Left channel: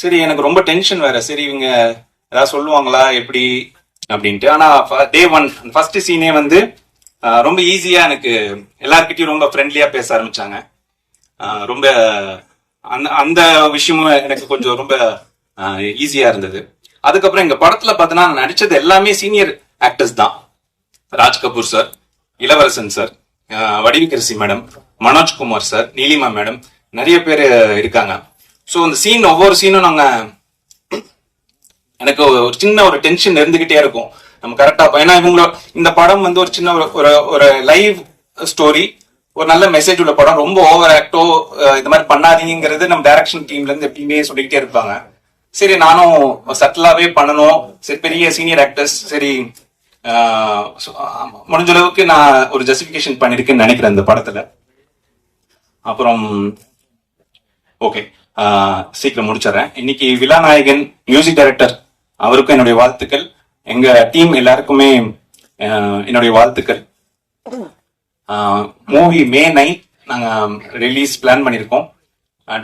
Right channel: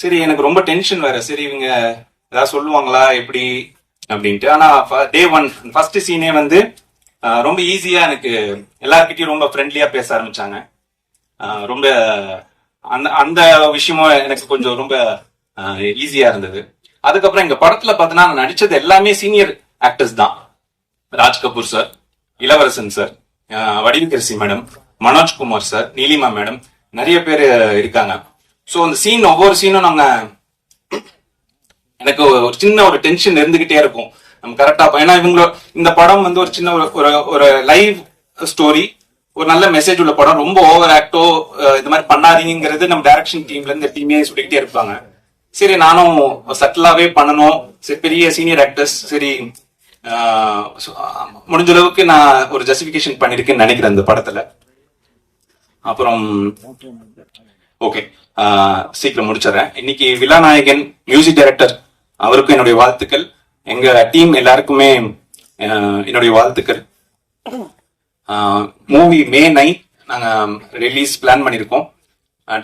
சரி எனக்கு ரொம்ப டென்ஷன் வேற. சரி இவங்க ஏதாவது சொல்லுவாங்களா எப்படி அப்படின்ட்டு. ஆனா டே ஒன் ஃபர்ஸ்ட் சீனே வந்து ரொம்ப ஈஸியா எனக்கு எல்லார்கிட்டயும் ரொம்ப ஃப்ரெண்ட்லியா பேச ஆரம்பிச்சாங்க. ரொம்ப அந்த அந்த விஷயமும் எனக்கு கொஞ்சம் ரொம்ப ஈஸியா இருந்தது. அதுக்கப்புறம் எங்க படத்துல பார்த்தோன்னா நான் நடிச்சது எல்லாமே சீனியர் ஆக்டர்ஸ் தான். Raj Kapoor sir Ilavarasan sir Vadivukkarasi madam Manojkumar sir Neelima madam நிறைய பேர் இருக்காங்க. ஸோ அந்த சீன் ஒவ்வொரு சீனும் நாங்கள் எனக்கு ஒரு சின்ன ஒரு டென்ஷன் இருந்துகிட்டே இருக்கும். நம்ம கரெக்டாக ஏன்னா இவங்களோட இந்த படம் வந்து ஒரு சின்ன ஒரு- ஒரு ஒரு லைவ் ஸ்டோரி ஒரு நல்ல மெசேஜ் உள்ள படம். ரொம்ப ஓவர் ஆக்டோ இந்த மாதிரி பண்ணாதீங்கிறது நம்ம டைரக்ஷன் டீம்ல இருந்து எப்பயுமே சொல்லிக்கிட்டே இருப்பாங்க. சரி நானும் சட்டிலாவே பண்ணணும். சரி பெரிய சீனியர் ஆக்டர்ஸ் சரி முடிஞ்ச அளவுக்கு நான் ஒரு ஜஸ்டிபிகேஷன் பண்ணிருக்கேன்னு நினைக்கிறேன் இந்த படத்துல. அப்புறம் ஓகே சீக்கிரம் முடிச்சிடுறேன். இன்னைக்கு விழாநாயகன் மியூசிக் டைரக்டர் அவருக்கும் என்னுடைய வாழ்த்துக்கள். எங்க டீம் எல்லாருக்குமே என்னுடைய வாழ்த்துக்கள். மூவி மே நைட் நாங்கள் ரிலீஸ் பிளான் பண்ணியிருக்கோம்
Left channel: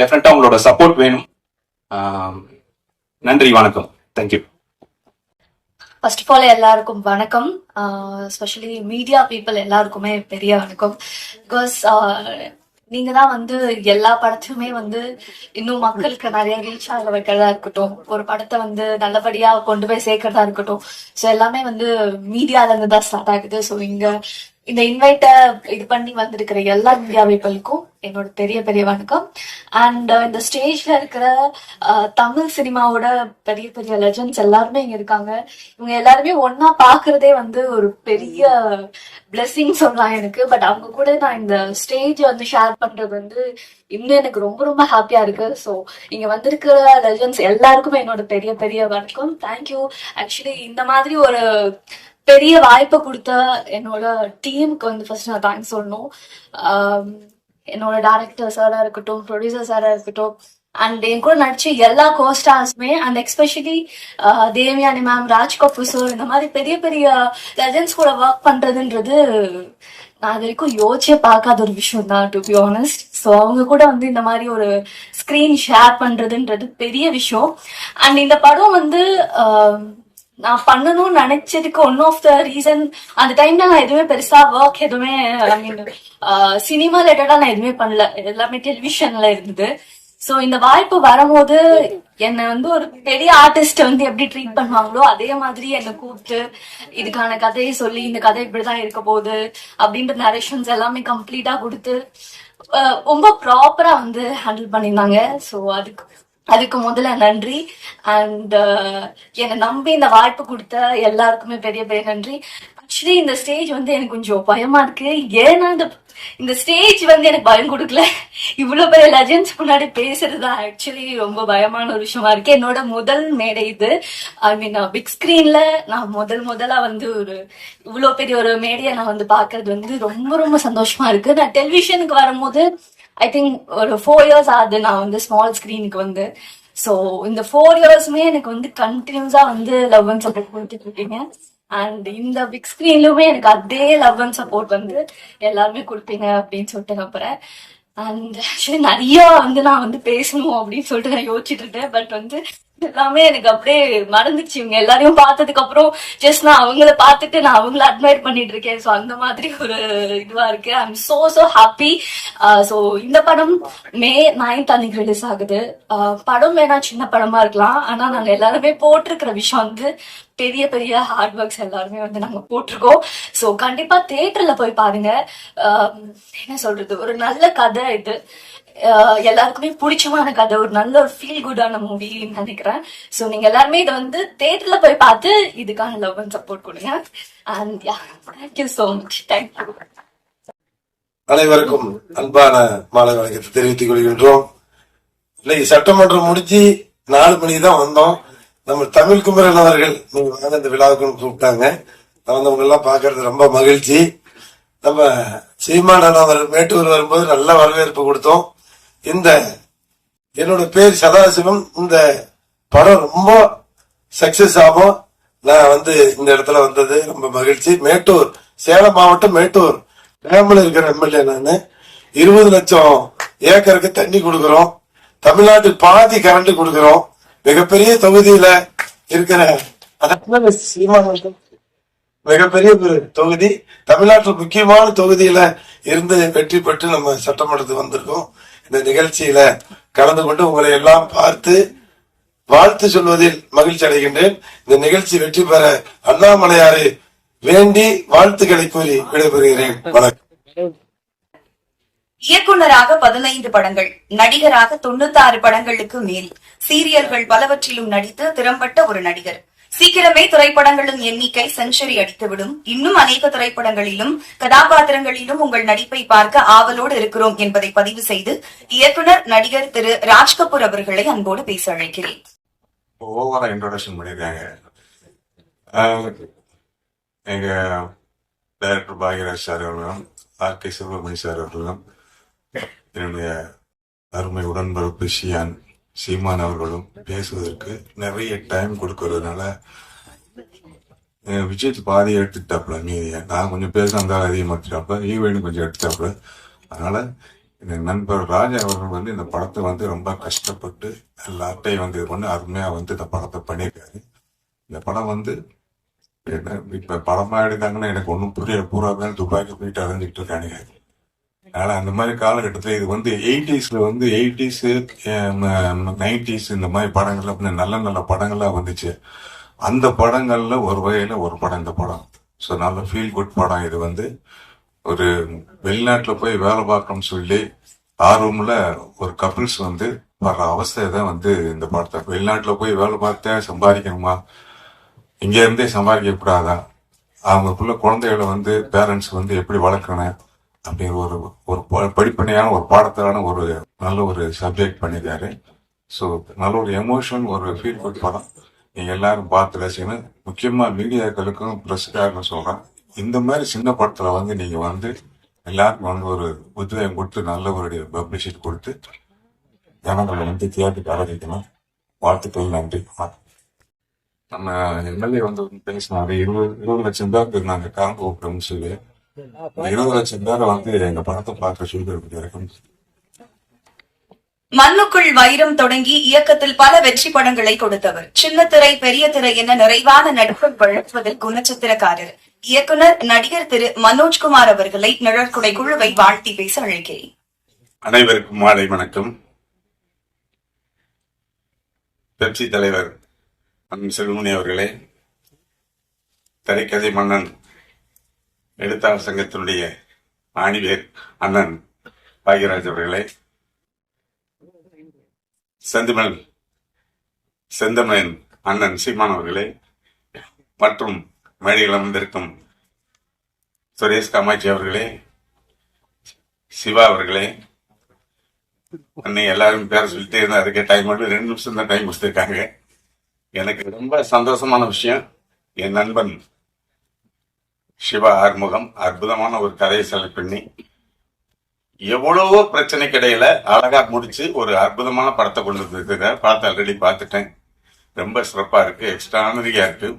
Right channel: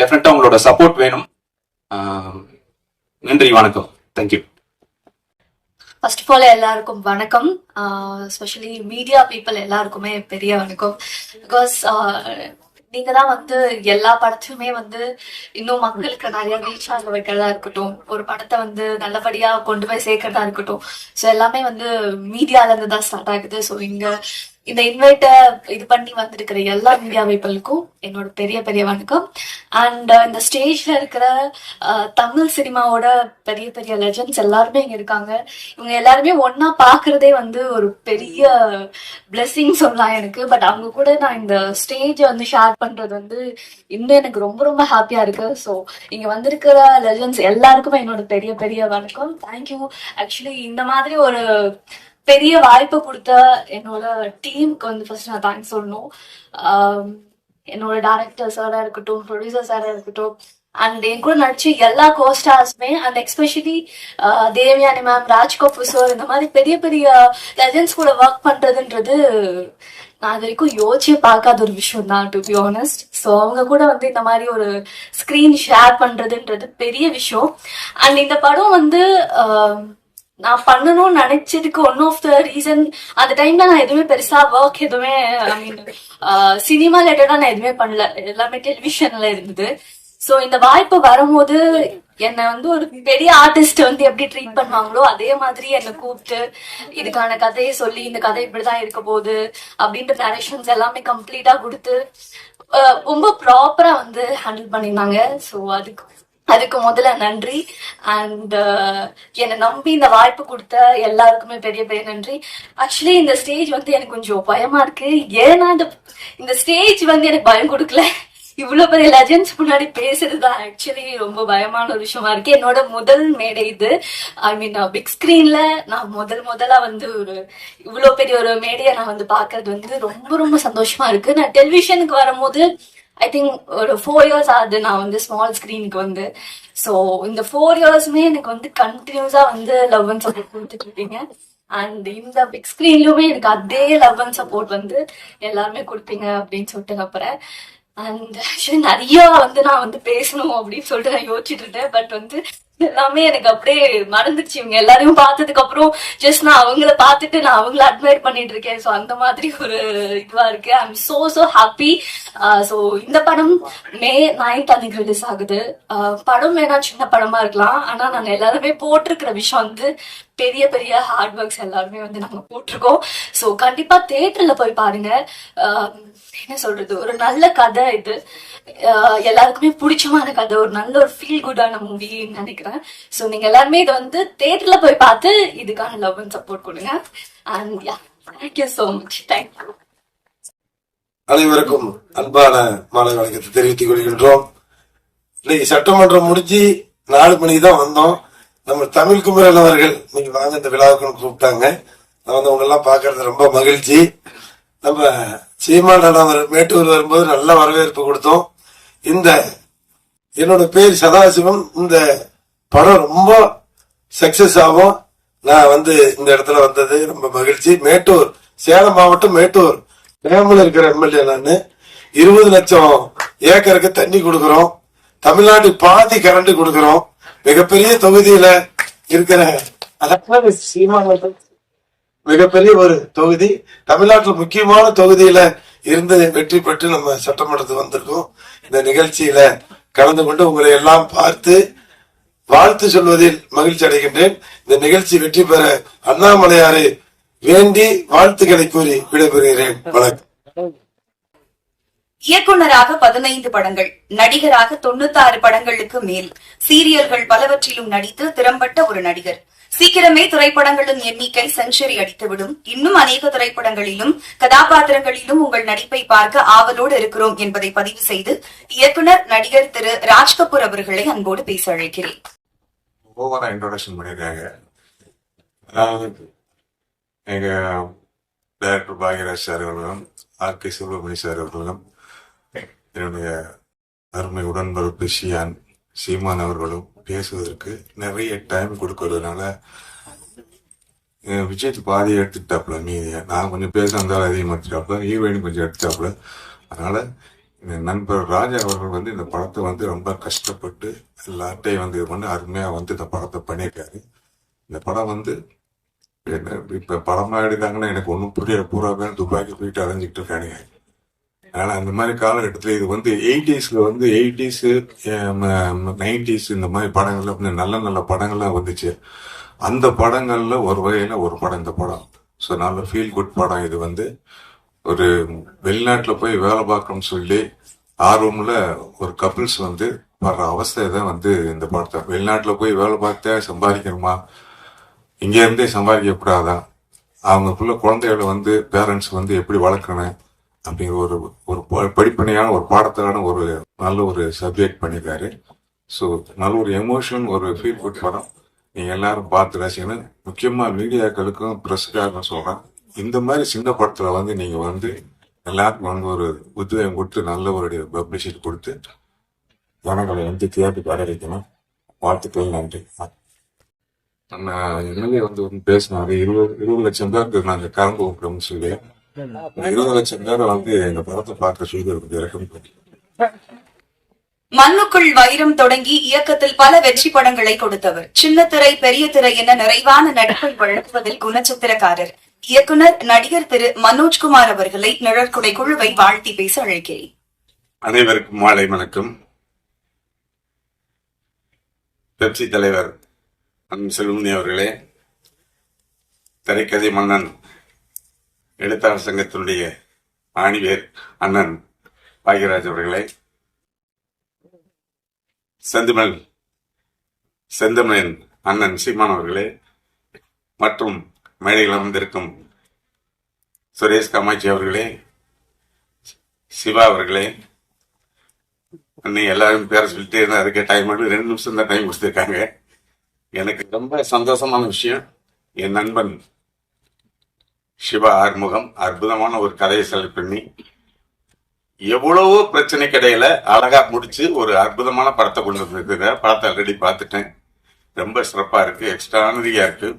டெஃபினட்டா உங்களோட சப்போர்ட் வேணும். நன்றி வணக்கம். தேங்க்யூ ஃபர்ஸ்ட் ஆஃப் ஆல் எல்லாருக்கும் வணக்கம். ஸ்பெஷலி மீடியா பீப்புள் எல்லாருக்குமே பெரிய வணக்கம். பிகாஸ் நீங்க தான் வந்து எல்லா படத்தையுமே வந்து இன்னும் மக்களுக்கு நிறைய ரீச் ஆக வைக்கிறதா இருக்கட்டும். ஒரு படத்தை வந்து நல்லபடியா கொண்டு போய் சேர்க்கறதா இருக்கட்டும். ஸோ எல்லாமே வந்து மீடியால இருந்து தான் ஸ்டார்ட் ஆகுது. ஸோ இங்க இந்த இன்வைட்ட இது பண்ணி வந்திருக்கிற எல்லா மீடியா பீப்புளுக்கும் என்னோட பெரிய பெரிய வணக்கம் அண்ட் இந்த ஸ்டேஜ்ல இருக்கிற தமிழ் சினிமாவோட பெரிய பெரிய லெஜண்ட்ஸ் எல்லாருமே இங்க இருக்காங்க. இவங்க எல்லாருமே ஒன்னா பாக்குறதே வந்து ஒரு பெரிய பிளெஸிங் சொல்லலாம் எனக்கு. பட் அவங்க கூட நான் இந்த ஸ்டேஜ் வந்து ஷேர் பண்றது வந்து இன்னும் எனக்கு ரொம்ப ரொம்ப ஹாப்பியா இருக்கு. ஸோ இங்க வந்திருக்கிற லெஜண்ட்ஸ் எல்லாருக்குமே என்னோட பெரிய பெரிய வணக்கம் தேங்க்யூ ஆக்சுவலி இந்த மாதிரி ஒரு பெரிய வாய்ப்பை கொடுத்த என்னோட டீமுக்கு வந்து ஃபர்ஸ்ட் நான் தேங்க்ஸ் சொல்லணும். என்னோட டேரக்டர் சாரா இருக்கட்டும் ப்ரொடியூசர் சாரா இருக்கட்டும் அண்ட் என் கூட நடிச்சு எல்லா கோஸ்டார்ஸுமே and especially Devayani ma'am Raj Kapoor sir இந்த மாதிரி பெரிய பெரிய லெஜன்ஸ் கூட ஒர்க் பண்றதுன்றது நான் அது வரைக்கும் யோசிச்சே பார்க்காத ஒரு விஷயம் தான் டு பி ஆனஸ்ட் ஸோ அவங்க கூட வந்து இந்த மாதிரி ஒரு ஸ்க்ரீன் ஷேர் பண்றதுன்றது பெரிய விஷயம். அண்ட் இந்த படம் வந்து நான் பண்ணணும்னு நினைச்சதுக்கு ஒன் ஆஃப் த ரீசன் அந்த டைம்ல நான் எதுவுமே பெருசா ஒர்க் எதுவுமே ஐ மீன் சினிமா ரிலேட்டடா நான் எதுவுமே பண்ணல. எல்லாமே டெலிவிஷன்ல இருந்தது. சோ இந்த வாய்ப்பு வரும்போது என்னை வந்து ஒரு பெரிய ஆர்டிஸ்ட் வந்து எப்படி ட்ரீட் பண்ணாங்களோ அதே மாதிரி என்னை கூப்பிட்டு இதுக்கான கதையை சொல்லி இந்த கதை இப்படிதான் இருக்க போகுது அப்படின்ற நரேஷன்ஸ் எல்லாமே கம்ப்ளீட்டா கொடுத்து ரொம்ப ப்ராப்பரா வந்து ஹேண்டில் பண்ணியிருந்தாங்க. சோ அதுக்கு அதுக்கு முதல்ல நன்றி. அண்ட் uh, என்னை நம்பி இந்த வாய்ப்பு கொடுத்த எல்லாருக்குமே பெரிய பெரிய நன்றி. ஆக்சுவலி இந்த ஸ்டேஜ் வந்து எனக்கு கொஞ்சம் பயமா இருக்கு. ஏன்னா இந்த இந்த ஸ்டேஜ் வந்து எனக்கு பயம் கொடுக்கல. இவ்வளவு பெரிய லெஜண்ட்ஸ் முன்னாடி பேசுறது தான் ஆக்சுவலி ரொம்ப பயமான ஒரு விஷயமா இருக்கு. என்னோட முதல் மேடை இது. ஐ மீன் பிக் ஸ்கிரீன்ல நான் முதல் முதலா வந்து ஒரு இவ்வளவு பெரிய ஒரு மேடையை நான் வந்து பாக்குறது வந்து ரொம்ப ரொம்ப சந்தோஷமா இருக்கு. நான் டெலிவிஷனுக்கு வரும்போது ஐ திங்க் ஒரு ஃபோர் இயர்ஸ் ஆகுது நான் வந்து ஸ்மால் ஸ்க்ரீனுக்கு வந்து. ஸோ இந்த ஃபோர் இயர்ஸுமே எனக்கு வந்து கண்டினியூஸாக வந்து லவ் அண்ட் சப்போர்ட் கொடுத்துட்டு இருக்கீங்க அண்ட் இந்த பிக் ஸ்க்ரீன்லுமே எனக்கு அதே லவ் அண்ட் சப்போர்ட் வந்து எல்லாருமே கொடுப்பீங்க அப்படின்னு சொல்லிட்டு நம்புறேன் அண்ட் ஆக்சுவலி நிறைய வந்து நான் வந்து பேசணும் அப்படின்னு சொல்லிட்டு நான் யோசிச்சுட்டு இருந்தேன் பட் வந்து எல்லாமே எனக்கு அப்படியே மறந்துச்சு இவங்க எல்லாரையும் பார்த்ததுக்கு அப்புறம் ஜஸ்ட் நான் அவங்கள பார்த்துட்டு நான் அவங்கள அட்மையர் பண்ணிட்டு இருக்கேன். ஸோ அந்த மாதிரி ஒரு இதுவா இருக்கு. I am so so happy so இந்த படம் மே நைன்த் அன்னைக்கு ரிலீஸ் ஆகுது. படம் வேணா சின்ன படமா இருக்கலாம். ஆனா நாங்க எல்லாருமே போட்டிருக்கிற விஷயம் வந்து பெரிய பெரிய ஹார்ட் ஒர்க்ஸ் எல்லாருமே வந்து நம்ம போட்டிருக்கோம். ஸோ கண்டிப்பா தேட்டர்ல போய் பாருங்க. என்ன சொல்றது? ஒரு நல்ல கதை இது. எல்லாருக்குமே பிடிச்சமான கதை. ஒரு நல்ல ஒரு ஃபீல் குட்டான மூவி நினைக்கிறேன். ஸோ நீங்க எல்லாருமே இதை வந்து தேட்டர்ல போய் பார்த்து இதுக்கான லவ் அண்ட் சப்போர்ட் கொடுங்க. And yeah thank you so much thank you அனைவருக்கும் அன்பான மாலை வணக்கத்தை தெரிவித்துக் கொள்கின்றோம். இன்னைக்கு சட்டமன்றம் முடிஞ்சு நாலு மணிக்கு தான் வந்தோம். நம்ம தமிழ் குமரன் அவர்கள் நீங்க வாங்க இந்த விழாவுக்குன்னு கூப்பிட்டாங்க. நான் வந்து உங்க எல்லாம் பாக்குறது ரொம்ப மகிழ்ச்சி. நம்ம சீமான அவர் மேட்டூர் வரும்போது நல்ல வரவேற்பு கொடுத்தோம். இந்த என்னோட பேர் சதாசிவம். இந்த படம் ரொம்ப சக்சஸ் ஆகும். நான் வந்து இந்த இடத்துல வந்தது ரொம்ப மகிழ்ச்சி. மேட்டூர் சேலம் மாவட்டம் மேட்டூர். கிராமில் இருக்கிற எம்எல்ஏ நான். இருபது லட்சம் ஏக்கருக்கு தண்ணி கொடுக்குறோம். தமிழ்நாட்டுக்கு பாதி கரண்ட் கொடுக்குறோம். மிகப்பெரிய தொகுதியில இருக்கிற மிகப்பெரிய ஒரு தொகுதி தமிழ்நாட்டில் முக்கியமான தொகுதியில இருந்து வெற்றி பெற்று நம்ம சட்டமன்றத்துக்கு வந்திருக்கோம். இந்த நிகழ்ச்சியில கலந்து கொண்டு உங்களை எல்லாம் பார்த்து வாழ்த்து சொல்வதில் மகிழ்ச்சி அடைகின்றேன். இந்த நிகழ்ச்சி வெற்றி பெற அண்ணாமலையாரை வேண்டி வாழ்த்துக்களை கூறி விடைபெறுகிறேன். வணக்கம். இயக்குனராக பதினைந்து படங்கள் நடிகராக தொண்ணூத்தாறு படங்களுக்கு மேல். சீரியல்கள் பலவற்றிலும் நடித்து திறம்பட்ட ஒரு நடிகர். சீக்கிரமே திரைப்படங்களின் எண்ணிக்கை செஞ்சுரி அடித்துவிடும். இன்னும் அநேக திரைப்படங்களிலும் கதாபாத்திரங்களிலும் உங்கள் நடிப்பை பார்க்க ஆவலோடு இருக்கிறோம் என்பதை பதிவு செய்து இயக்குனர் நடிகர் திரு ராஜ்கபூர் அவர்களை அன்போடு பேச அழைக்கிறேன். ஓவரா இன்ட்ரோடக்ஷன் பண்ணியிருக்காங்க. ஆஹ் எங்க டைரக்டர் பாக்யராஜ் சார் அவர்களும் ஆர் கே சுப்பிரமணிய சார் அவர்களும் என்னுடைய அருமை உடன்பிறப்பு ஷியான் சீமான் அவர்களும் பேசுவதற்கு நிறைய டைம் கொடுக்கறதுனால விஜயத்து விஜய் எடுத்துட்டாப்புல எடுத்துட்டாப்ல மீதிய. நான் கொஞ்சம் பேச அந்த அதிகமாச்சாப்ல ஈவேணி கொஞ்சம் எடுத்துட்டாப்புல அதனால என் நண்பர் ராஜா அவர்கள் வந்து இந்த படத்தை வந்து ரொம்ப கஷ்டப்பட்டு எல்லாத்தையும் வந்து இது பண்ணி அருமையா வந்து இந்த படத்தை பண்ணியிருக்காரு. இந்த படம் வந்து என்ன இப்ப படமா எடுத்தாங்கன்னா எனக்கு ஒன்றும் புரியல. பூராக்கான துப்பாக்கி போயிட்டு அரைஞ்சிக்கிட்டு இருக்கானுங்க. அதனால அந்த மாதிரி காலகட்டத்தில் இது வந்து எயிட்டிஸ்ல வந்து எயிட்டிஸ் நைன்டிஸ் இந்த மாதிரி படங்கள் அப்படின்னு நல்ல நல்ல படங்கள்லாம் வந்துச்சு. அந்த படங்கள்ல ஒரு வகையில ஒரு படம் இந்த படம். ஸோ நல்ல ஃபீல் குட் படம் இது வந்து. ஒரு வெளிநாட்டில் போய் வேலை பார்க்கணும்னு சொல்லி ஆர்வமில் ஒரு கப்பிள்ஸ் வந்து வர்ற அவஸ்தை தான் வந்து இந்த படத்தை. வெளிநாட்டில் போய் வேலை பார்த்தே சம்பாதிக்கணுமா? இங்கே இருந்தே சம்பாதிக்க கூடாதா? அவங்களுக்குள்ள குழந்தைகளை வந்து பேரண்ட்ஸ் வந்து எப்படி வளர்க்கணும்? அப்படிங்கிற ஒரு ஒரு ப- படிப்பனையான ஒரு பாடத்திலான ஒரு நல்ல ஒரு சப்ஜெக்ட் பண்ணியிருக்காரு. ஸோ நல்ல ஒரு எமோஷன் ஒரு ஃபீல் குட் படம். நீங்க எல்லாரும் பார்த்து ரசிக்கணும். முக்கியமா மீடியாக்களுக்கும் பிரஸ்காரன்னு சொல்றேன். இந்த மாதிரி சின்ன படத்துல வந்து நீங்க வந்து எல்லாருக்கும் வந்து ஒரு உத்வேகம் கொடுத்து நல்ல ஒரு பப்ளிசிட்டி கொடுத்து ஜனங்களை வந்து தியேட்டருக்கு வர வைக்கணும் வாழ்த்துக்கள் நன்றி. நம்ம எம்எல்ஏ வந்து பேசினாரு. இருபது இருபது லட்சம் பேருக்கு நாங்கள் கரண்ட் ஊக்குறோம்னு சொல்லி. இருபது லட்சம் பேரை வந்து இந்த படத்தை பார்க்க சொல்லி. இறக்கம் மண்ணுக்குள் வைரம் தொடங்கி இயக்கத்தில் பல வெற்றி படங்களை கொடுத்தவர். சின்ன திரை பெரிய திரை என நிறைவான நடிப்பை வழங்குவதில் குணச்சித்திரக்காரர். இயக்குனர் நடிகர் திரு மனோஜ்குமார் அவர்களை நிழற்குடை குழுவை வாழ்த்தி பேச அழைக்கிறேன். அனைவருக்கும் மாலை வணக்கம். பெப்சி தலைவர் அண்ணன் செல்வமணி அவர்களே திரைக்கதை மன்னன் எழுத்தாளர் சங்கத்தினுடைய ஆணிவேர் அண்ணன் பாக்யராஜ் அவர்களே. செந்தமிழ் செந்தமிழன் அண்ணன் சீமான் அவர்களே மற்றும் மேடையில் அமர்ந்திருக்கும் சுரேஷ் காமாட்சி அவர்களே சிவா அவர்களே அன்னை எல்லாரும் பேர சொல்லிட்டே இருந்தா அதுக்கே டைம் மட்டும் ரெண்டு நிமிஷம் தான் டைம் கொடுத்துருக்காங்க. எனக்கு ரொம்ப சந்தோஷமான விஷயம் என் நண்பன் சிவா ஆறுமுகம் அற்புதமான ஒரு கதையை செலக்ட் பண்ணி எவ்வளவோ பிரச்சனை இடையில அழகா முடிச்சு ஒரு அற்புதமான படத்தை கொண்டு வந்திருக்கிற படத்தை ஆல்ரெடி பார்த்துட்டேன். ரொம்ப சிறப்பா இருக்கு எக்ஸ்ட்ரானரியா இருக்கு.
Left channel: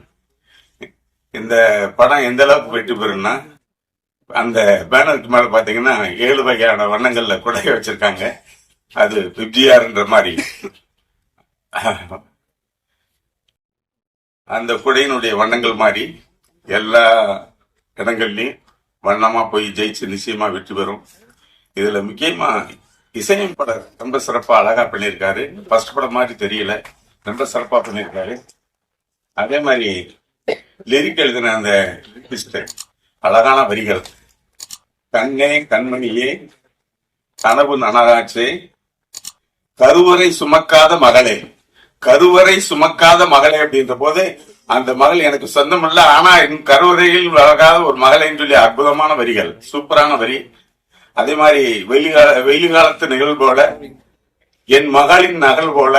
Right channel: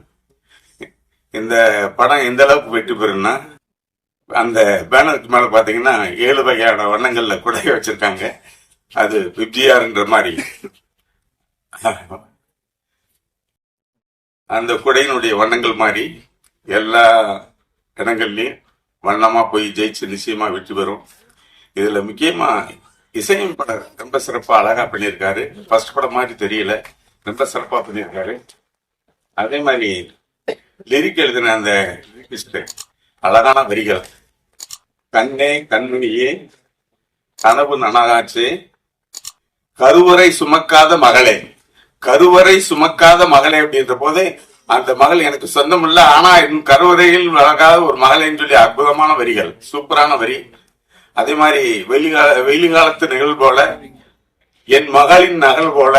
இந்த படம் எந்த அளவுக்கு வெற்றி பெறும்னா அந்த பேனருக்கு மேல பாத்தீங்கன்னா ஏழு வகையான வண்ணங்கள்ல குடைய வச்சிருக்காங்க. அது பிப்டிஆர்ன்ற மாதிரி. அந்த குடையினுடைய வண்ணங்கள் மாதிரி எல்லா இடங்கள்லயும் வண்ணமா போய் ஜெயிச்சு நிச்சயமா வெற்றி பெறும். இதுல முக்கியமா இசையும் படம் ரொம்ப சிறப்பா அழகா பண்ணியிருக்காரு. ஃபர்ஸ்ட் படம் மாதிரி தெரியல. ரொம்ப சிறப்பா பண்ணியிருக்காரு. அதே மாதிரி லிரிக் எழுதின அந்த அழகான வரிகள். கண்ணே கண்மணியே கனவு நனகாச்சு கருவறை சுமக்காத மகளே கருவறை சுமக்காத மகளே அப்படின்ற போது அந்த மகள் எனக்கு சொந்தம் இல்ல ஆனா என் கருவறையில் வளராத ஒரு மகளைன்னு சொல்லி அற்புதமான வரிகள் சூப்பரான வரி. அதே மாதிரி வெளி கால வெயில் காலத்து நிகழ்வு போல என் மகளின் நகல் போல